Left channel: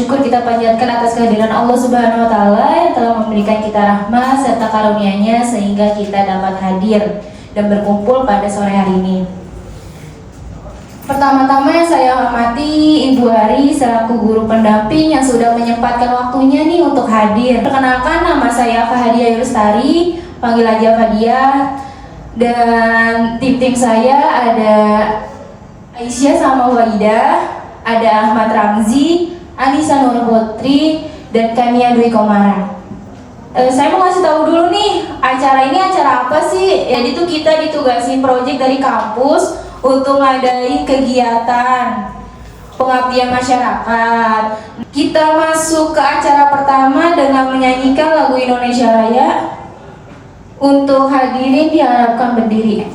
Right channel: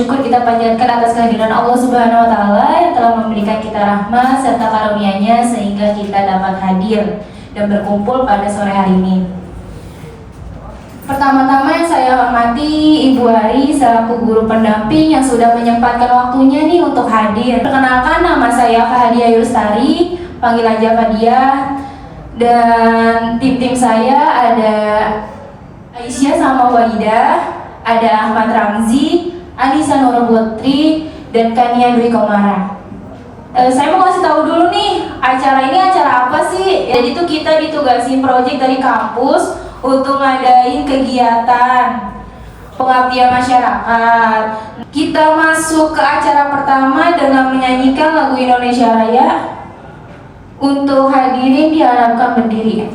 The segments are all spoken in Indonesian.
syukur kita panjatkan atas kehadiran Allah Subhanahu wa taala yang telah memberikan kita rahmat serta karunia-Nya sehingga kita dapat hadir dan berkumpul pada sore hari ini. Pertama-tama yang saya hormati Ibu Ari selaku guru pendamping yang sudah menyempatkan waktunya nih untuk hadir. Perkenalkan, nama saya Fahadia Yustari, panggil aja Fadia. Dan tim saya ada Aisyah sama Walidah, ada Ahmad Ramzi, Anissa Nurputri, dan Kania Dwi Komara. Saya mau kasih tahu dulu nih, acara ini acara apa sih? Jadi tuh kita ditugasi proyek dari kampus untuk ngadain kegiatan pengabdian masyarakat. Kita masuk ke acara pertama dengan menyanyikan lagu Indonesia Raya. Untuk hadirin diharapkan berdiri.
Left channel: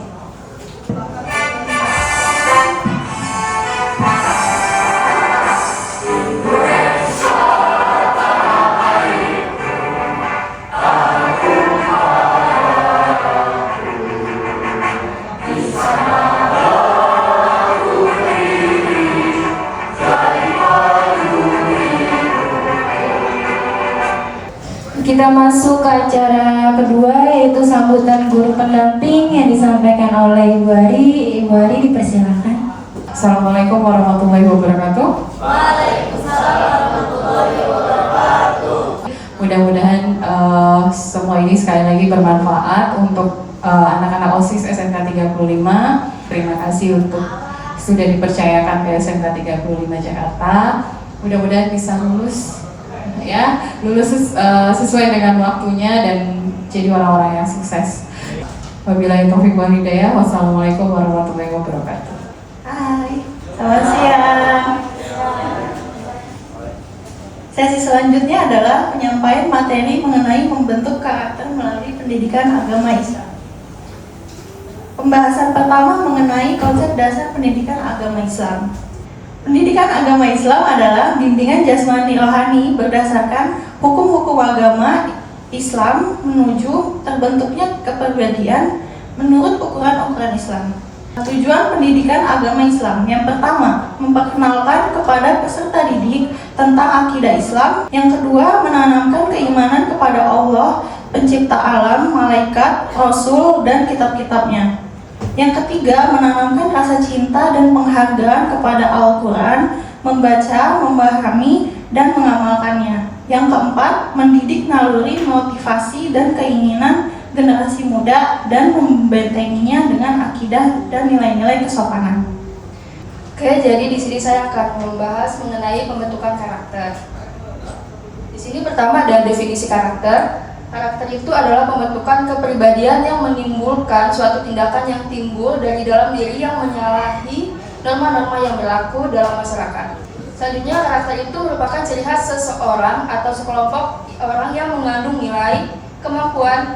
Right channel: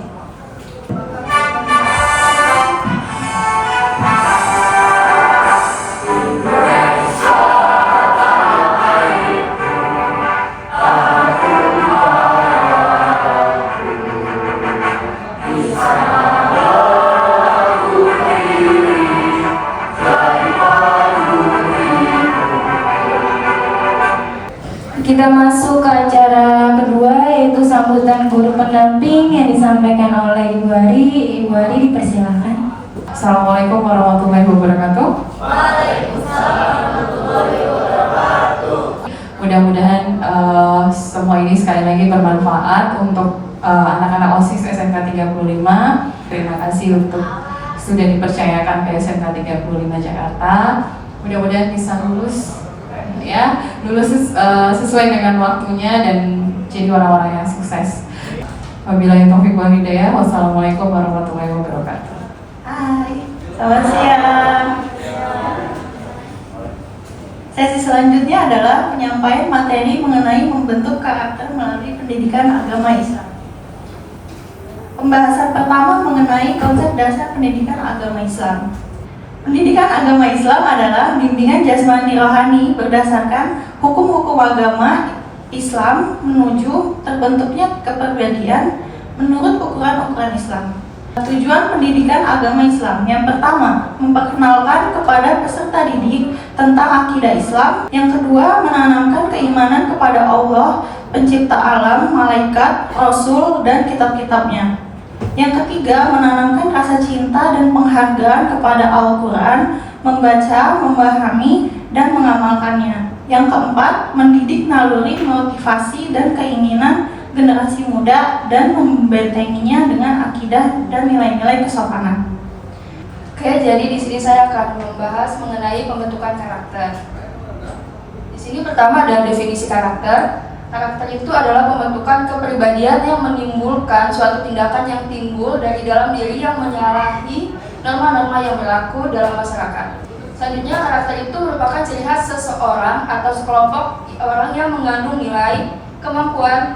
Kita masuk ke acara kedua, yaitu sambutan guru pendamping yang disampaikan oleh Ibu Ari. Ibu Ari dipersilakan. Assalamualaikum warahmatullahi wabarakatuh. Waalaikumsalam warahmatullahi wabarakatuh. Mudah-mudahan semua ini sekali lagi bermanfaat untuk anak-anak OSIS SMK 35. Terima kasih untuk sudah dipercayakan ke SMK 35 Jakarta. Mudah-mudahan bisa lulus sesuai dengan waktunya dan jadi orang-orang yang sukses. Wabillahi taufiq wal hidayah. Wassalamualaikum warahmatullahi wabarakatuh. Hai, selamat siang. Sesi selanjutnya adalah penyampaian materi mengenai membentuk karakter melalui pendidikan agama Islam. Pembahasan pertama mengenai konsep dasar pendidikan agama Islam. Pendidikan agama Islam adalah bimbingan jasmani rohani berdasarkan hukum-hukum agama Islam menuju terbentuknya kepribadian menurut ukuran-ukuran Islam. Tujuan pendidikan agama Islam yang pertama, memperkenalkan kepada peserta didik tentang akidah Islam. Yang kedua, menanamkan keimanan kepada Allah, pencipta alam, malaikat, rasul, dan kitab-kitabnya. Yang ketiga, menanamkan rasa cinta dan penghargaan kepada Al-Quran, membaca, memahami, dan mengamalkannya. Yang keempat, mendidik naluri, motivasi, dan keinginan generasi muda dan membentenginya dengan akidah dan nilai-nilai kesopanan. Oke, jadi di sini saya akan membahas mengenai pembentukan karakter. Di sini pertama ada definisi karakter. Karakter itu adalah pembentukan kepribadian yang menimbulkan suatu tindakan yang timbul dari dalam diri yang menyalahi norma-norma yang berlaku dalam masyarakat. Selanjutnya, karakter itu merupakan ciri khas seseorang atau sekelompok orang yang mengandung nilai, kemampuan,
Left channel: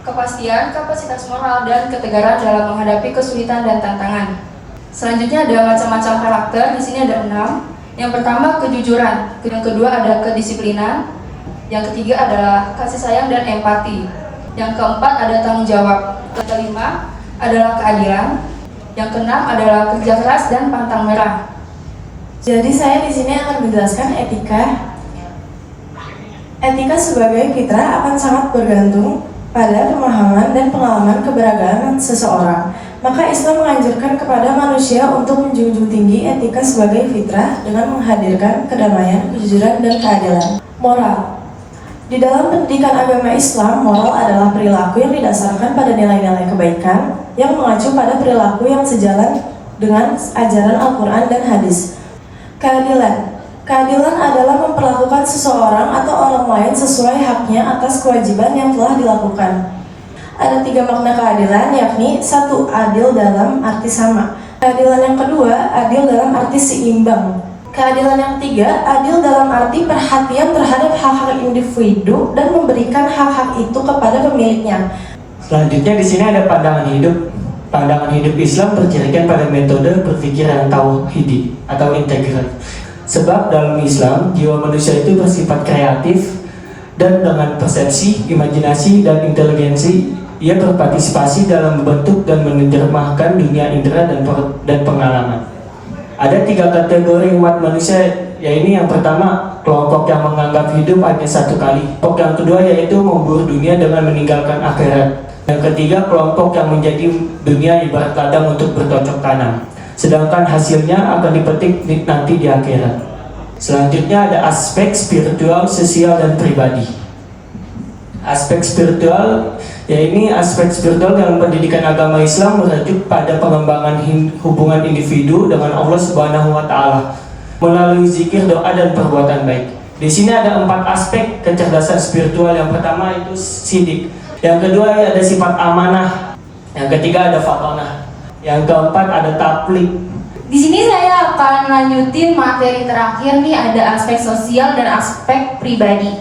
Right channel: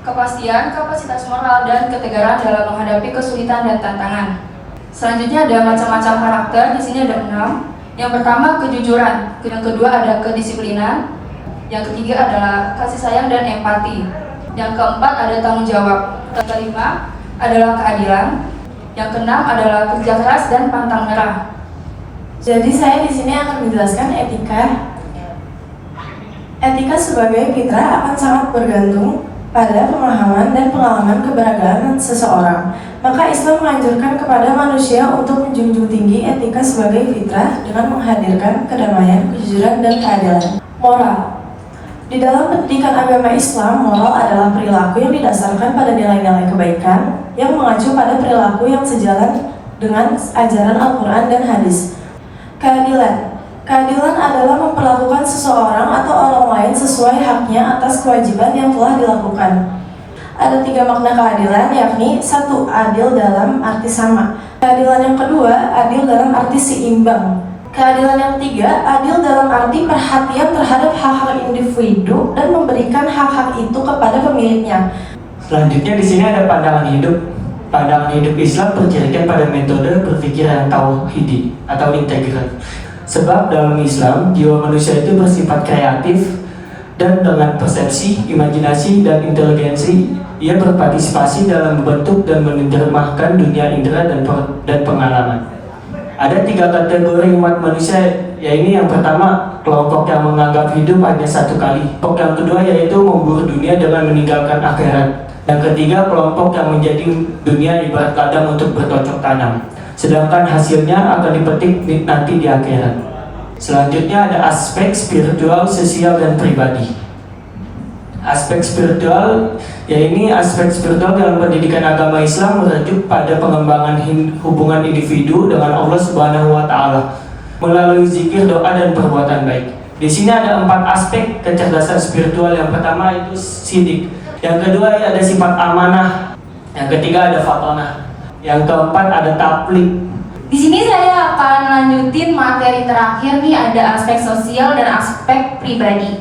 kepastian, kapasitas moral, dan ketegaran dalam menghadapi kesulitan dan tantangan. Selanjutnya ada macam-macam karakter. Di sini ada 6. Yang pertama, kejujuran. Yang kedua ada kedisiplinan. Yang ketiga adalah kasih sayang dan empati. Yang keempat ada tanggung jawab. Yang kelima adalah keadilan. Yang keenam adalah kerja keras dan pantang menyerah. Jadi saya di sini akan menjelaskan etika. Etika sebagai fitrah akan sangat bergantung pada pemahaman dan pengalaman keberagaman seseorang. Maka Islam menganjurkan kepada manusia untuk menjunjung tinggi etika sebagai fitrah dengan menghadirkan kedamaian, kejujuran, dan keadilan. Moral. Di dalam pendidikan agama Islam, moral adalah perilaku yang didasarkan pada nilai-nilai kebaikan yang mengacu pada perilaku yang sejalan dengan ajaran Al-Quran dan hadis. Keadilan. Keadilan adalah memperlakukan seseorang atau orang lain sesuai haknya atas kewajiban yang telah dilakukan. Ada 3 makna keadilan, yakni 1. Adil dalam arti sama. Keadilan yang kedua, adil dalam arti seimbang. Keadilan yang ketiga, adil dalam arti perhatian terhadap hak-hak individu dan memberikan hak-hak itu kepada pemiliknya. Selanjutnya di sini ada pandangan hidup. Pandangan hidup Islam berdasarkan pada metode berpikir yang tauhidi atau integral. Sebab dalam Islam, jiwa manusia itu bersifat kreatif dan dengan persepsi, imajinasi, dan inteligensi, ia berpartisipasi dalam membentuk dan menerjemahkan dunia indera dan pengalaman. Ada 3 kategori umat manusia Ya ini yang pertama, kelompok yang menganggap hidup hanya satu kali. Kelompok yang kedua yaitu memburu dunia dengan meninggalkan akhirat. Yang ketiga, kelompok yang menjadi dunia ibarat ladang untuk bercocok tanam, sedangkan hasilnya akan dipetik nanti di akhirat. Selanjutnya ada aspek spiritual, sosial, dan pribadi. Aspek spiritual, ya ini aspek spiritual dalam pendidikan agama Islam merujuk pada pengembangan hubungan individu dengan Allah Subhanahu wa Ta'ala melalui zikir, doa, dan perbuatan baik. Di sini ada 4 aspek kecerdasan spiritual. Yang pertama itu sidik, yang kedua ada sifat amanah, yang ketiga ada fatonah, yang keempat ada taplik. Di sini saya akan lanjutin materi terakhir nih, ada aspek sosial dan aspek pribadi.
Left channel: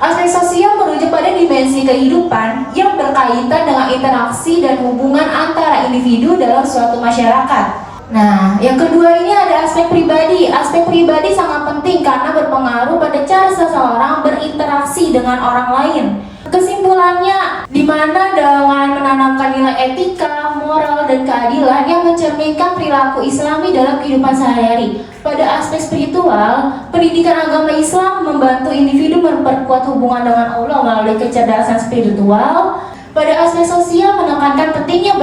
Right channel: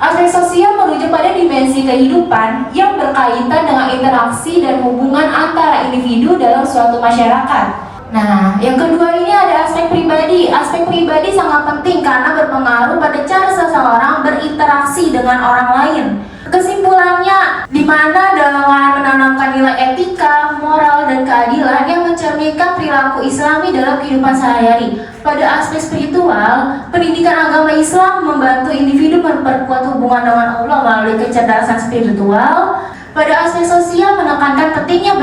Aspek sosial merujuk pada dimensi kehidupan yang berkaitan dengan interaksi dan hubungan antara individu dalam suatu masyarakat. Nah, yang kedua ini ada aspek pribadi. Aspek pribadi sangat penting karena berpengaruh pada cara seseorang berinteraksi dengan orang lain. Kesimpulannya, di mana dengan menanamkan nilai etika, moral, dan keadilan yang mencerminkan perilaku Islami dalam kehidupan sehari-hari. Pada aspek spiritual, pendidikan agama Islam membantu individu memperkuat hubungan dengan Allah melalui kecerdasan spiritual. Pada aspek sosial, menekankan pentingnya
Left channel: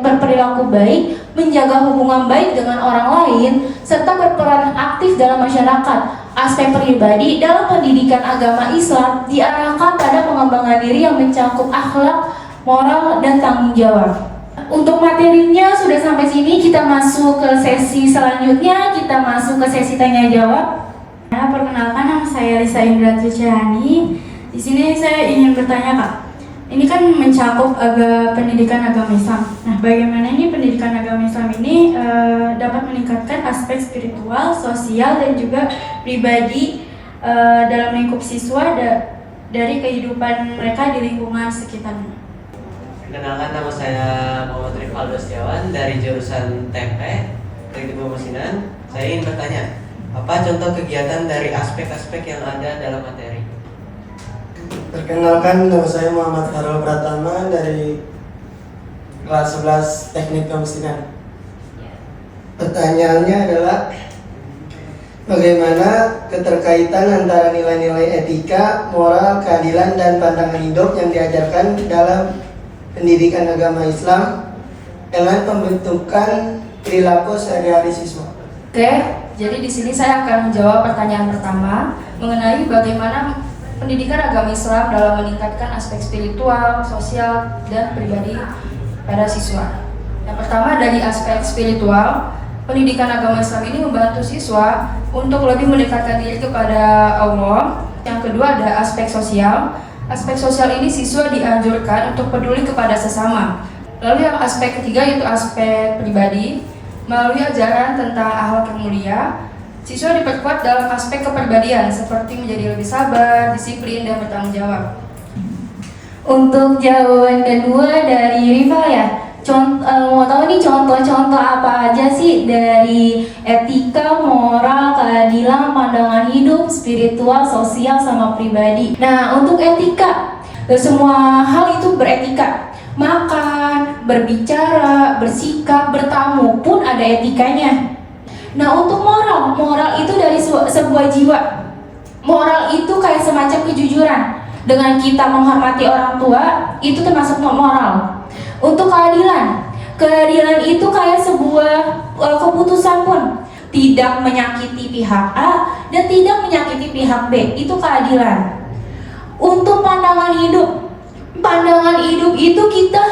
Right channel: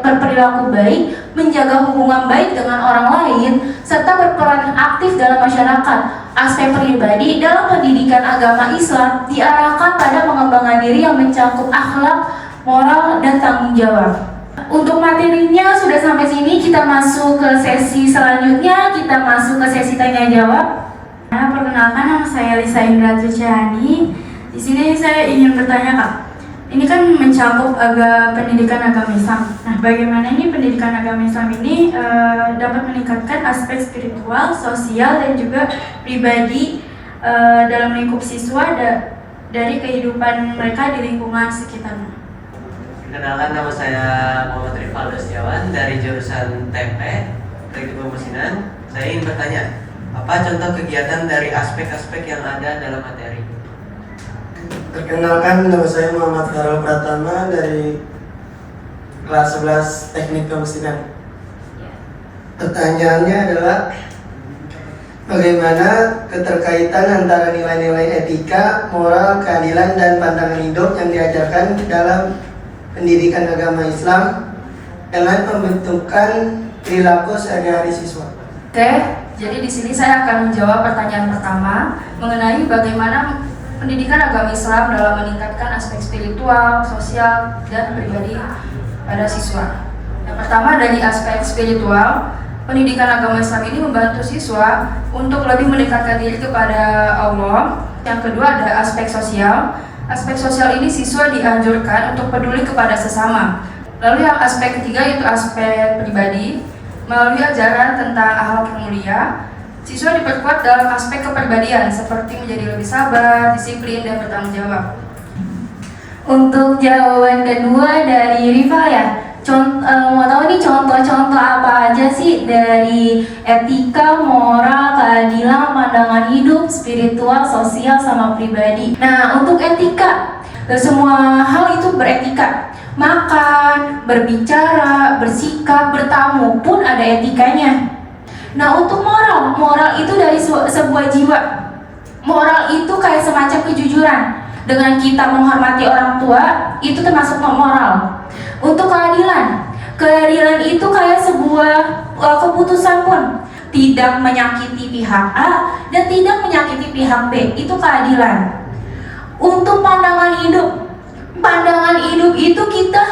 berperilaku baik, menjaga hubungan baik dengan orang lain, serta berperan aktif dalam masyarakat. Aspek pribadi dalam pendidikan agama Islam diarahkan pada pengembangan diri yang mencakup akhlak, moral, dan tanggung jawab. Untuk materinya sudah sampai sini, kita masuk ke sesi selanjutnya, kita masuk ke sesi tanya jawab. Nah, perkenalkan, nama saya Lisa Indra Tuciani. Di sini saya ingin bertanya, Kak. Ini kan mencakup pendidikan agama Islam. Nah, bagaimana ini pendidikan agama Islam ini dapat meningkatkan aspek spiritual, sosial, dan juga pribadi dalam lingkup siswa dari kehidupan mereka di lingkungan sekitarnya. Perkenalkan, nama saya Muhammad Rifaldo Setiawan dari jurusan TP, Teknik Pemesinan. Saya ingin bertanya, apa contoh kegiatan dari aspek-aspek yang ada dalam materi? Perkenalkan, nama saya Muhammad Farul Pratama dari kelas 11 Teknik Pemesinan. Pertanyaannya adalah bagaimana keterkaitan antara nilai-nilai etika, moral, keadilan, dan pandangan hidup yang diajarkan dalam pendidikan agama Islam dengan pembentukan perilaku sehari-hari siswa. Oke, jadi di sini saya akan menjawab pertanyaan pertama mengenai bagaimana pendidikan agama Islam dalam meningkatkan aspek spiritual, sosial, dan pribadi pada siswa. Yang pertama, dari aspek spiritual, pendidikan agama Islam ini membantu siswa untuk lebih mendekatkan diri kepada Allah. Yang kedua, ada aspek sosial. Aspek sosial ini siswa dianjurkan untuk peduli kepada sesama. Lalu yang aspek ketiga yaitu aspek pribadi. Melalui ajaran tentang akhlak yang mulia, siswa diperkuat dalam aspek kepribadian seperti menjadi lebih sabar, disiplin, dan bertanggung jawab. Untuk jawaban kedua dari Rival ya, mau tahu nih contoh-contoh apa aja sih dari etika, moral, keadilan, pandangan hidup, spiritual, sosial, sama pribadi. Nah, untuk etika, semua hal itu beretika. Makan, berbicara, bersikap, bertamu pun ada etikanya. Nah, untuk moral itu dari sebuah jiwa. Moral itu kayak semacam kejujuran. Dengan kita menghormati orang tua, itu termasuk moral. Untuk keadilan itu kayak sebuah keputusan pun. Tidak menyakiti pihak A dan tidak menyakiti pihak B, itu keadilan. Untuk pandangan hidup itu kita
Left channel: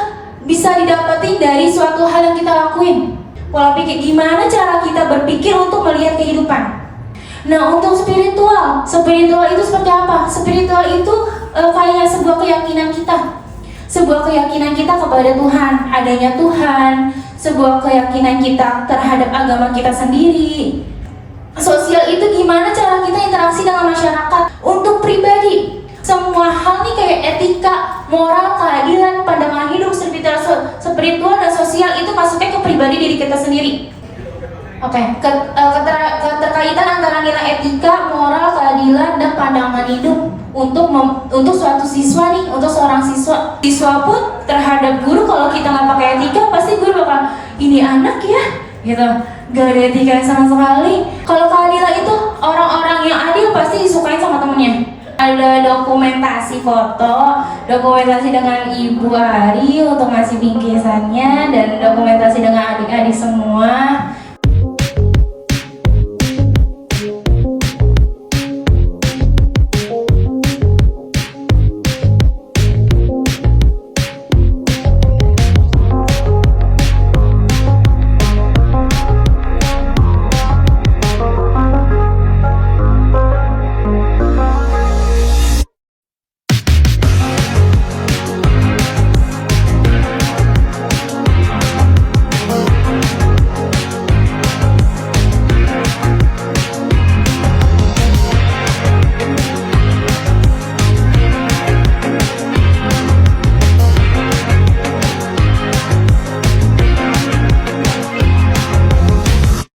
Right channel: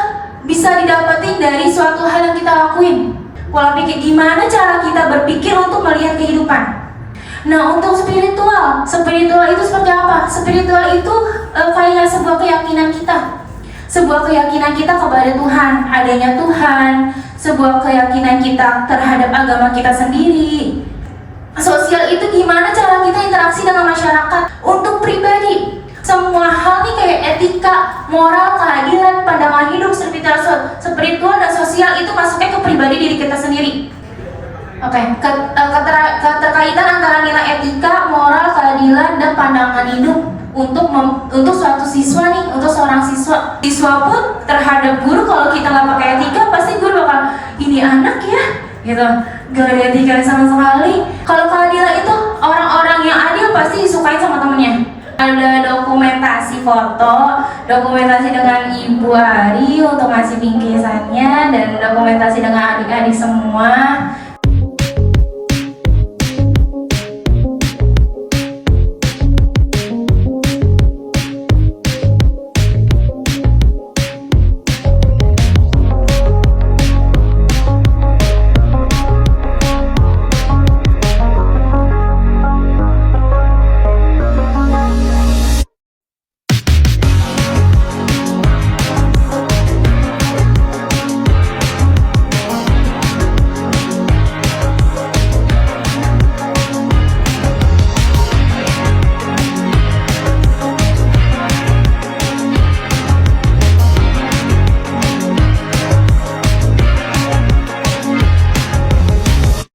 bisa didapetin dari suatu hal yang kita lakuin. Pola pikir, gimana cara kita berpikir untuk melihat kehidupan. Nah, untuk spiritual itu seperti apa? Spiritual itu kayak sebuah keyakinan kita. Sebuah keyakinan kita kepada Tuhan, adanya Tuhan, sebuah keyakinan kita terhadap agama kita sendiri. Sosial itu gimana cara kita interaksi dengan masyarakat. Untuk pribadi, semua hal nih kayak etika, moral, keadilan, pandangan hidup, spiritual dan sosial itu masuknya ke pribadi diri kita sendiri. Oke, keterkaitan antara nilai etika, moral, keadilan, dan pandangan hidup untuk suatu siswa nih, untuk seorang siswa pun terhadap guru. Kalau kita nggak pakai etika, pasti guru bakal ini anak ya, gitu, gak ada etika sama sekali. Kalau keadilan itu orang-orang yang adil pasti disukai sama temennya. Ada dokumentasi foto, dokumentasi dengan Ibu Ari untuk ngasih bingkisannya, dan dokumentasi dengan adik-adik semua.